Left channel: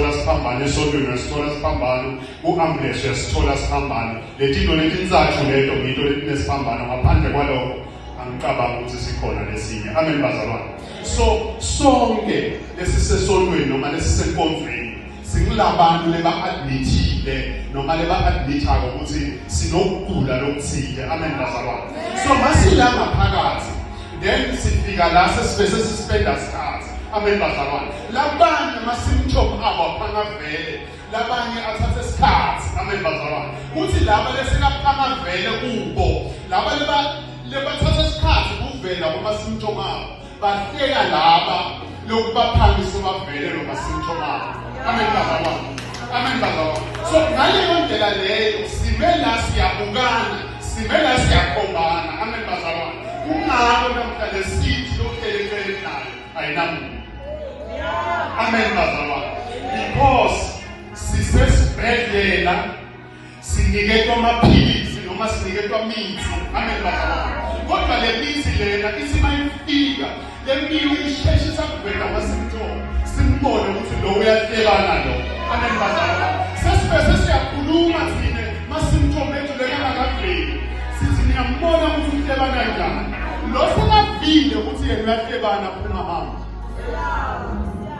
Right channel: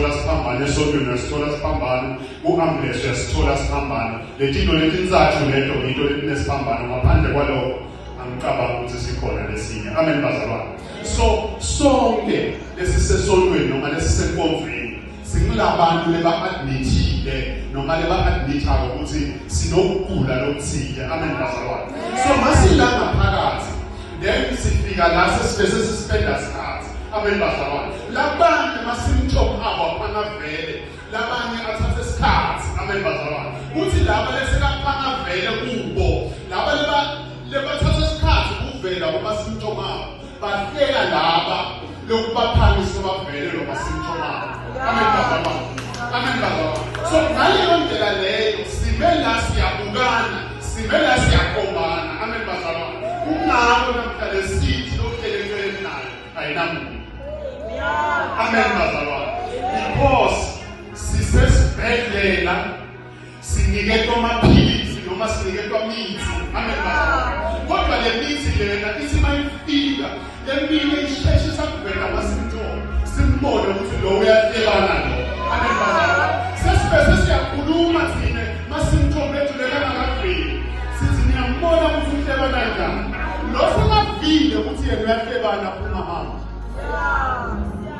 sithola siphambano esontweni sithola siphambano ku-ambulensi sithola siphambano letinto letintsathu leto ngito lesiphambano ngaphandle kwalokho angicabanga ukuthi sikhona lesinye amen bazalwane so sonke lesisesontweni noma lesisenkonzweni singulabantu leba-admithile noma leba-admithayo ukuthi sinokugula lokuthile amen bazalwane so masilanga phakathi then sifika la sesibese sispenda sikhathi amen bazalwane labanye ama-symptom abo aphangavele labanye athathe isikhathi amen bazalwane kuthi laba lesekaphangavele kubo laba lebathatha isikhathi kuvela kuma-symptom abo bafika laba lokubaphangisa bavele lo ma-symptom abo amen bazalwane amen bazalwane so ngaleyo ndlela leyo simela siyabukana simela siyakhombana amen bazalwane kungako namhlanje sithi lokuhlelekele nayo ayinamuntu amen bazalwane because sisesibhedlela siniketwa amaphilisi noma siniketwa mithi amen bazalwane kodwa le mithi lena isimayifika le mpilo isheshisa kuvela ama-symptom simbone ukuthi lo uyahlekana lo amen bazalwane sesibese siyakhuluma thine ma-symptom ethu lekangakaveli sithi niyambona ukuthi uhlekana njani lo sekavile ukuthi yena uyahlekana ungahamba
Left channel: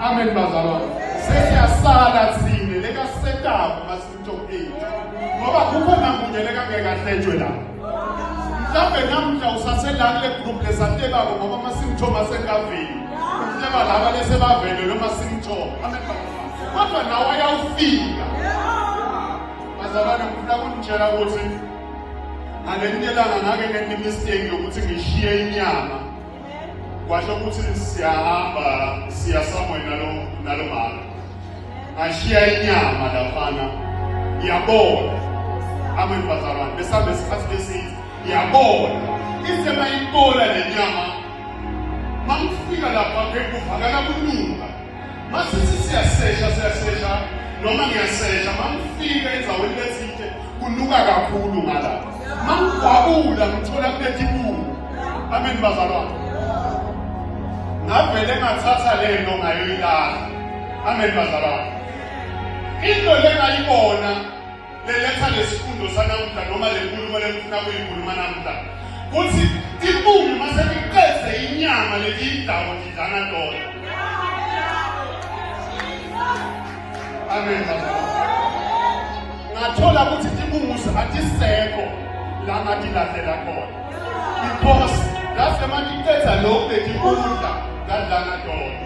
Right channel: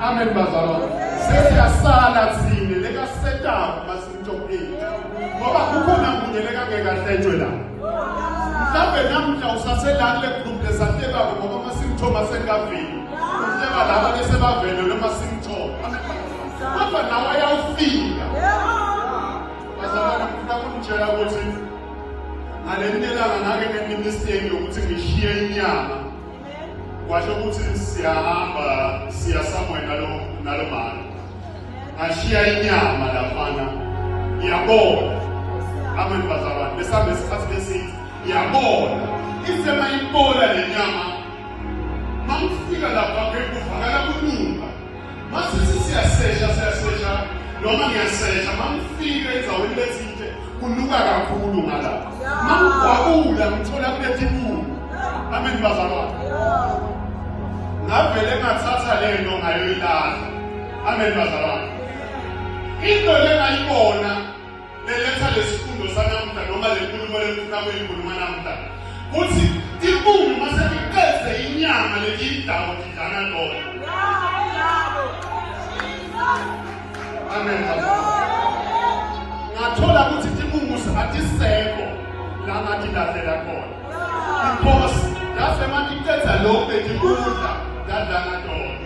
amen bazalwane sesiyasala thine lekasetapa ma-symptom ethu ngoba kukhona munye lekangekahletshwe la mhlawumbe namhla usaselani lekugumphesatebako ngoba ama-symptom asengaveli uhleba laba lesebavele lo ma-symptom kodwa nawe ayawufika bazalwane mhlawumtshela ukuthi ngalenyelanga ngake ngenimisteki yokuthi ngishiye inyama kwasho ukuthi siyahamba siya somewhere nalo mali ngashiya inyama laphana ngiyabona amen bazalwane besambe isikhathi lesithi ngiyabona ithe mayibona le nyama mangifika lapha kuvakala kulunga masithi siyasesha noma ngiyasesha mangifika enzaweni lesithe kunuka kakhulu ngalapha mangigwabula ngithola kulethi ibuku amen bazalwane ngavele ngathatha lento ngayoyilala amen bazalwane into lengayibona leletha lesifundo sanamhla noma lenkulumo lefuna kuyikhuluma namhla kuthi ibuku masekiqede inyama letiyidako idlana lona amen bazalwane ngathola ukuthi tibuku atisekho la ngathi lalela khona because that's emakiqeda lokhu letibunda dadlana lona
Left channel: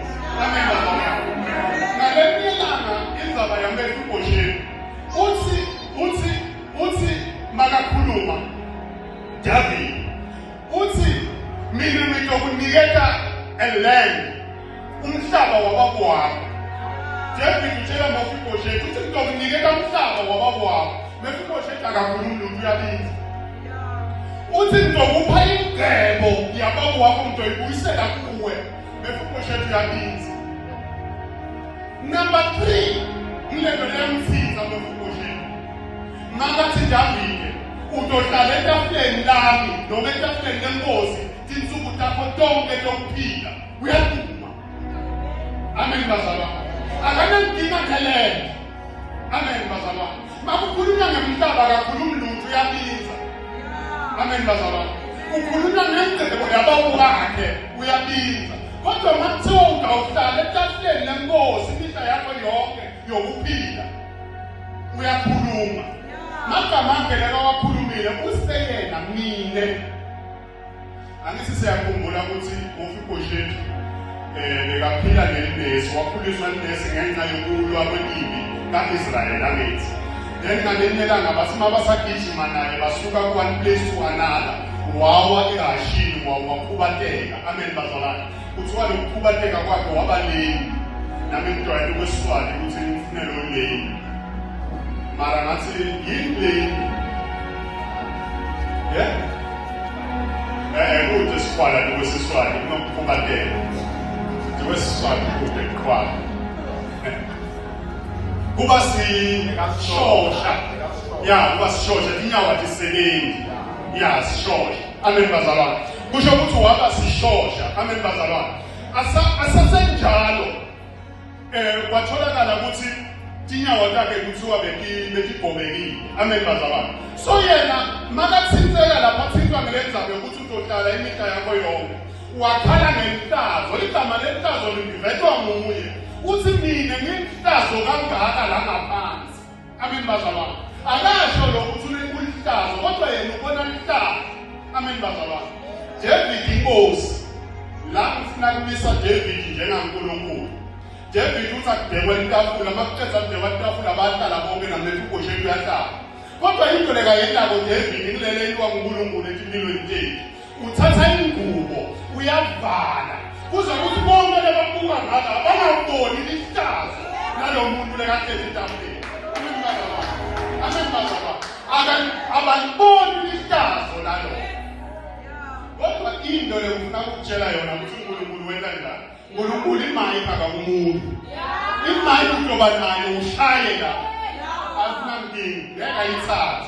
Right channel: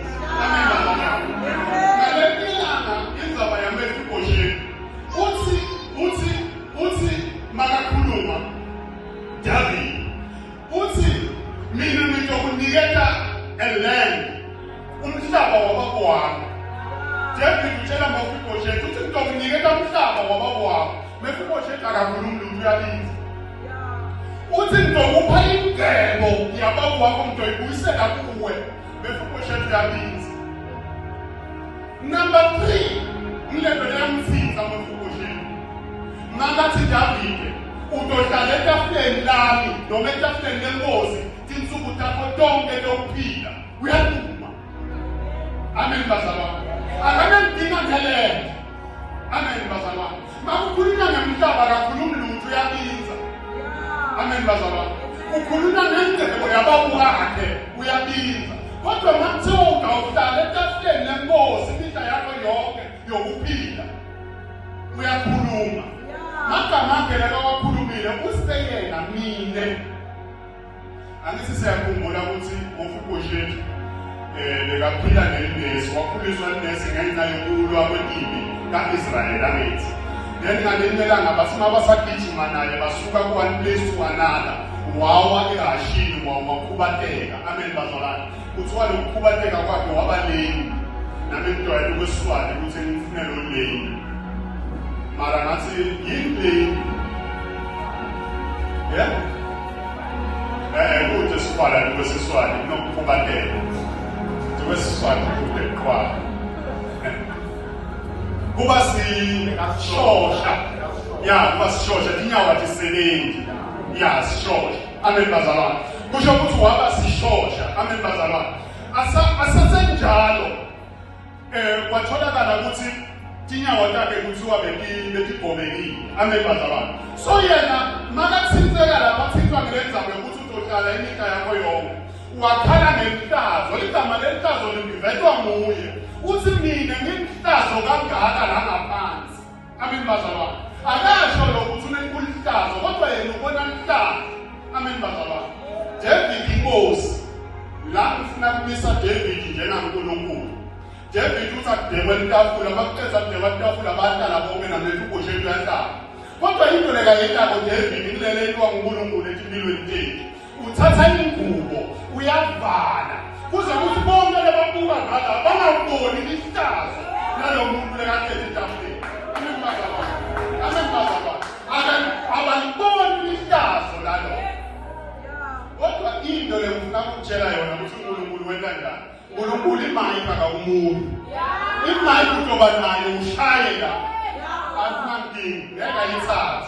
amen bazalwane ngalenyelanga indzaba yamefukosheni uthi makakhuluma David uthi mina ngizokuniketa eland umhlaba wababo wakho David utshela Mefibosheth uthi ngizokuniketa umhlaba wababo wakho Mefibosheth akakhulumi lutho uyabiza uthi ngizokupha ingcebo yababo wakho ngizoyibuyisela kuwe Mefibosheth uyabiza number 3 ngilento yamthiza Mefibosheth ngathi David uzohlala etafuleni lami noma etafuleni lenkosi tinsuku takho tonke lokuphila uyaduma amen bazalwane akanankinga ngelento amen bazalwane makukhulunywa ngemhlaba akakhulumi lutho uyabiza amen bazalwane ukhulunywa ngengcebo yababu wakhe uyabiza kodwa mathuka uhlala etafuleni lenkosi impilo yakho yonke yokuphila uyakhuluma makamangela kawakhulumile usekela mine angithi siyakhumbula ukuthi Mefibosheth bekaphila nenesi wakhuliswa nenesi ngenxa yokulwa kwempi ka-Israyeli abethi then ngalenelanga bathi mabasagijima naye basuka ku-one place to another wawa eHashini wakhubateka amen bazalwane kuthiwa lokukhubateka kwakhe wabaleni nami ngidwayele ukwesiswati ukuthi ngimfunele oleni mara ngathi yini kude sikwala nikwesiswati kunokukhubateka nikwesiswati kude kukwala kuba sishosha kuba sishosha inyawo atisebenzi sishosha amen bazalwane kusho ukuthi waba sishosha amen bazalwane asasenjalo kwatholakala ukuthi tinyawo takhe kuthiwa betibhomekile, amen bazalwane. So yena makathinteka lapha thintwa ngelendzaba yokuthi uzohlala imihla yakho yonke, wakhala ngenhlazo, igama lenhlazo livetwa nguye, uthi mina ngimhlazo kangaka la ngaphansi, amen bazalwane. Akasho lokuthi ulihlazo, kodwa yena ubona lihlazo, amen bazalwane. David inkosi, la ufuna kumisa David njengankulunkulu. David uthi akudekwe itafula, makuqeda kudekwa itafula bahlala bonke naMefiboshethi uyahlala. Kodwa into lekayenzako David kulelelwa nguNkulunkulu empilweni tethu. Uthatha ingubo, uyavala. Kuze kuthi bonke lebabuka ngala bangaboni lihlazo nalo muntu lekakhethe itafuleni. Amen bazalwane. Amen bazalwane. Abaliboni lihlazo lalo. Kodwa into lekufuna ukutshela yona ukuthi uNkulunkulu wenza njani. uNkulunkulu imali phaka umuntu. Imali uyoba nayo ushaye la. Akunankingi, ngeke ayithathe.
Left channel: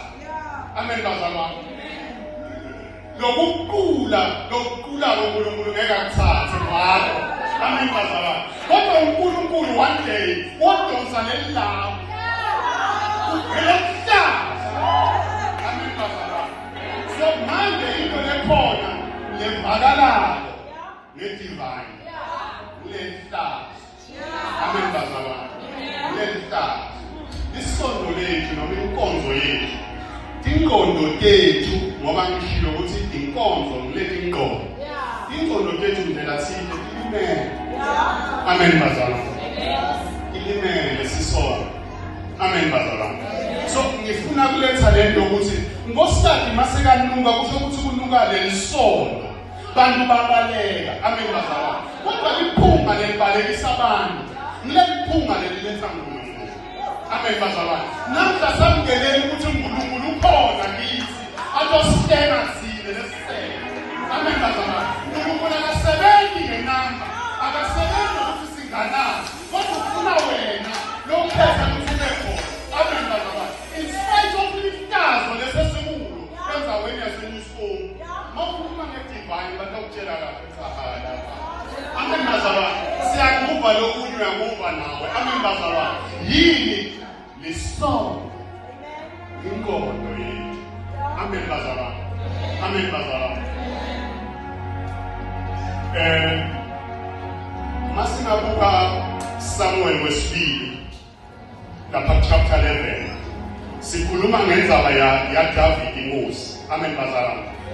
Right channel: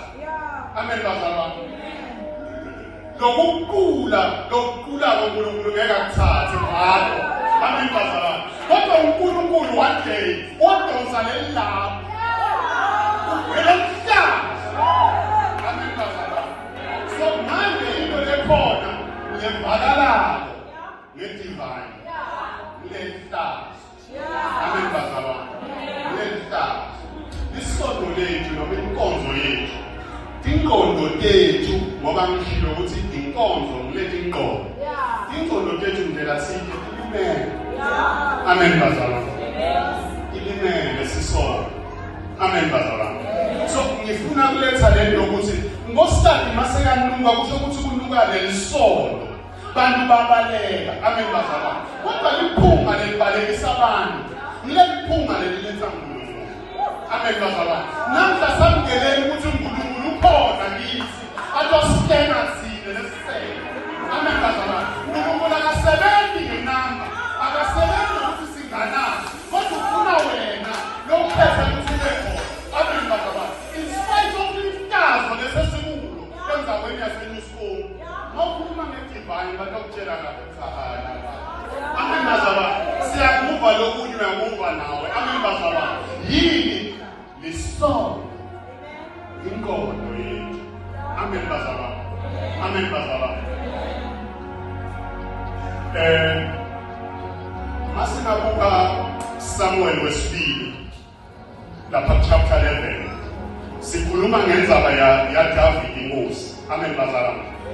Amen bazalwane. Lokuqula uNkulunkulu ngeke akuthathe ngakho. Amen bazalwane. Kodwa uNkulunkulu one day wodonsa lelapho. Uphela. Amen bazalwane. So manje into lekhona lemvakalalo ngedivine. Kulenhlazo. Amen bazalwane. Kulenhlazo. Isondo lethu noma inkonzo yethu. Inkonzo tethu ngoba ngishilo ukuthi inkonzo ngulethu inqondo. Inkonzo tethu ndlela thini ilimele. Amen bazalwane. Ilimele lesisondo. Amen bazalwane. So ngifuna kuletha lento ukuthi ngosithathu masekanuka kusho ukuthi kunuka lelisondo. Bantu babaleka. Amen bazalwane. Kodwa iphunga lelibalekisa abantu. Ngiliphunga leliletha uNkulunkulu. Amen bazalwane. Namhla samkeleni ukuthi uNkulunkulu ukhona kithi. Atosithenga sine lesithenga. Amen bazalwane. uNkulunkulu akasebenzi ngenamba. Akasebenzi ukuthi singanani. Kodwa ufuna wena lokhetha ukuthi lekho. Amen bazalwane. In spite of lihlazo lesesimulo endaweni yaseNewsform. Ngokukhuluma ngedivine batokutshela kahle. Amen bazalwane. Siyakuva lokunye uyakuva nawe. Amen bazalwane. Yini lisondo inkondo yethu. Amen bazalwane. Amen bazalwane. Masinabuka Samuel wesibili lapha chapter 11 sikhuluma ngendaba ya David inkosi. Amen bazalwane.